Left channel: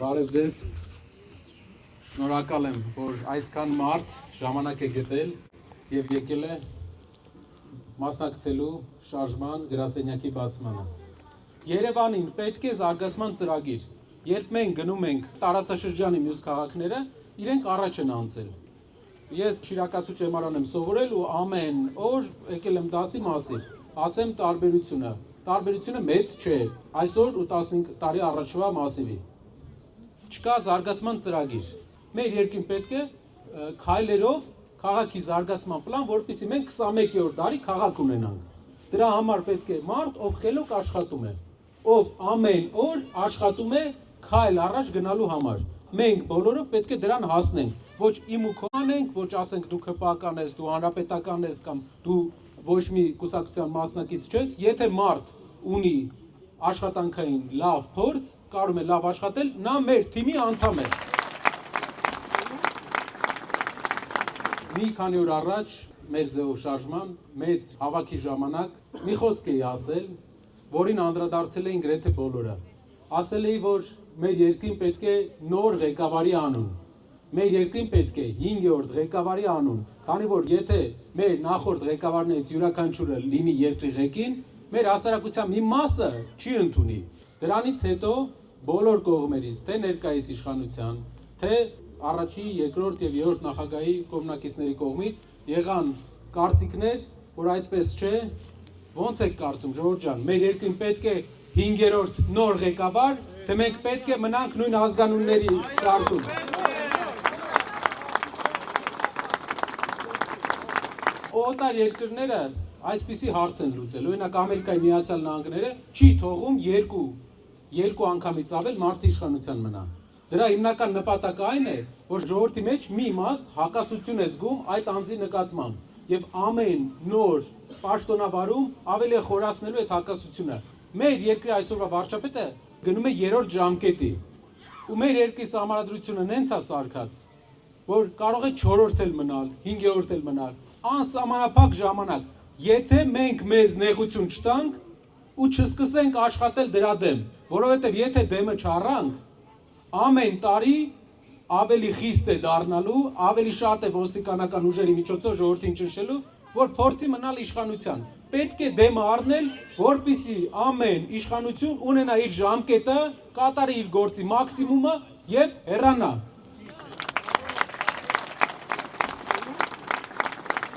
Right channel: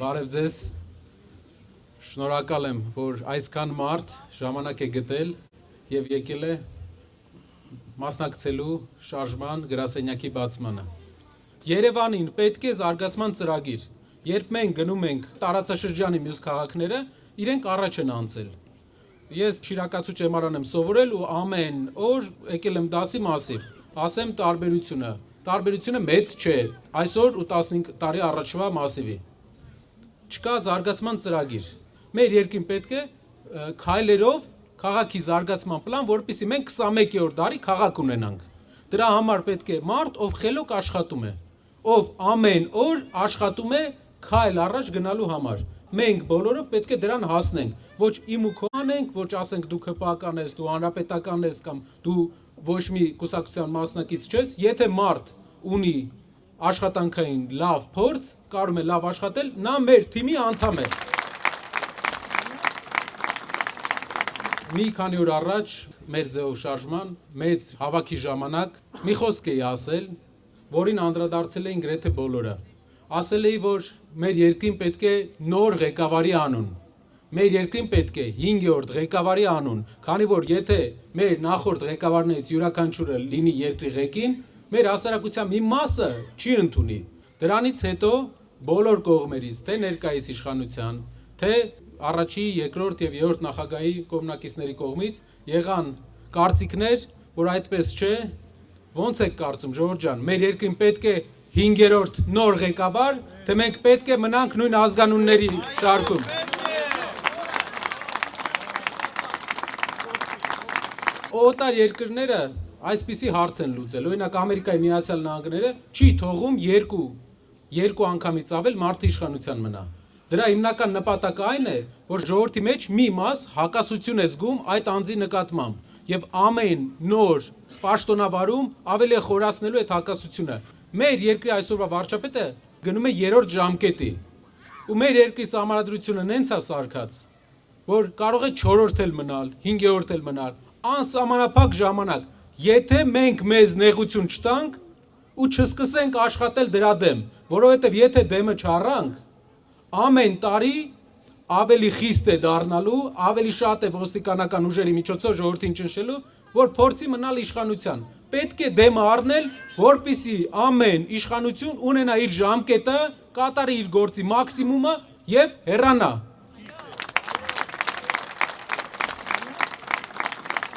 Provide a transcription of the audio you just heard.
Բարև ձեզ, շնորհակալ եմ, որ այսքան մարդ ժամանակ է գտել և եկել է մասնակցելու շարժման գրասենյակի բացմանը։ Երևանին պետք է զարգացման ծրագիր, երբ մենք գնում ենք տարածաշրջանի մյուս քաղաքները, իրենք առաջ են անցել։ Ես շիրակացու ճեմարան եմ սովորել ու ամեն օր եկել եմ դասի մասիվ, ասեմ տարբերությունը մեծ չէ, այսօր ու 15 տարի առաջվա մասիվի։ Չկա զարգացման ծրագիր։ Մեր երկրին պետք է քայլերով քաղաքի զարգացման պլան, որպեսզի մենք 21-րդ դարի քաղաք ունենանք։ Դրա համար պետք է մարդ, ով խելոք աշխատում է, ով ամեն օր աշխատում է քայլ առաջ գնալու համար։ Մենք բոլորով պետք է դրան հասնենք, ոչ իմ ու քո անենք, ոչ ասենք դու ԿՊԱ-ական ես, դու հանրապետական ես կամ դու ոչ մի կուսակցության մասնակից չես, եթե մարդ ունի աշխատանքային լավ փորձ, կարող է լավ աշխատել, նա մեր թիմի անդամ է։ Մի քանի օր առաջ մեր ձեւով շարժման մեծ հավաքի ժամանակ մի խոսք էի ասել, որին անդրադարձել էին գրեթե բոլորը։ Ասել էի, որ մեր երկրին պետք է նոր ղեկավարի անուն։ Մեր երկրին պետք է 5-րդ ղեկավարի անուն, քանի որ եթե մեր նախորդ ղեկավարներից յուրաքանչյուրը լինի երկրի ղեկին, մեր հասարակության մի մասը չի ընդունի։ Դրանից հետո բոլոր կողմերից, թե ներկայիս իշխանության, թե առաջի, երկրորդ եւ երրորդ նախագահի կողմնակիցների կողմից եղան կարծիքներ, որ այդպես չէ, ո՞նց եք կարծում, ժողովուրդ ջան, մեր երկրին պետք է 5-րդ նոր ղեկավար, թե մենք պետք է մնանք նույն ազգանունների շարքում։ Օտար երկրները այսպիսի հարց են լուծել, օրինակ Ամերիկայի Միացյալ Նահանգները չի թողում երկու անգամից ավել մարդու իշխանության մնա։ Դրա հիմնական նպատակը այն է, որ ժողովրդի մեջ մի մաս հակասություն է զգում այդ անձի նկատմամբ եւ ամեն նոր պաշտոնավարում ավելի է խորացնելու այդ հակասությունը։ Մեր երկրի այսօրվա վարչապետը գնում է 3-րդ ժամկետի ու մեր երկրի սահմանադրությունը նենց է սարքած, որ կարող է 4-րդ էլ մնալ, 5-րդ էլ մնալ, անսահմանափակ ժամանակ, եթե մենք մեզ նեղություն չտանք ու չսկսենք աշխատել դրա դեմ, որովհետև եթե դեմը չառանք, ամեն տարի ավելի խիստ է դառնալու, ավելի շատ է ոստիկանական ուժերի միջոցով ժողովրդին ճնշելու, որ փորձի մնալ իշխանության։ Պետք է դեմը առնել, որպեսզի ամեն իշխանություն ունենա իր ժամկետը, կատարի իր գործի մաքսիմումը եւ հեռանա։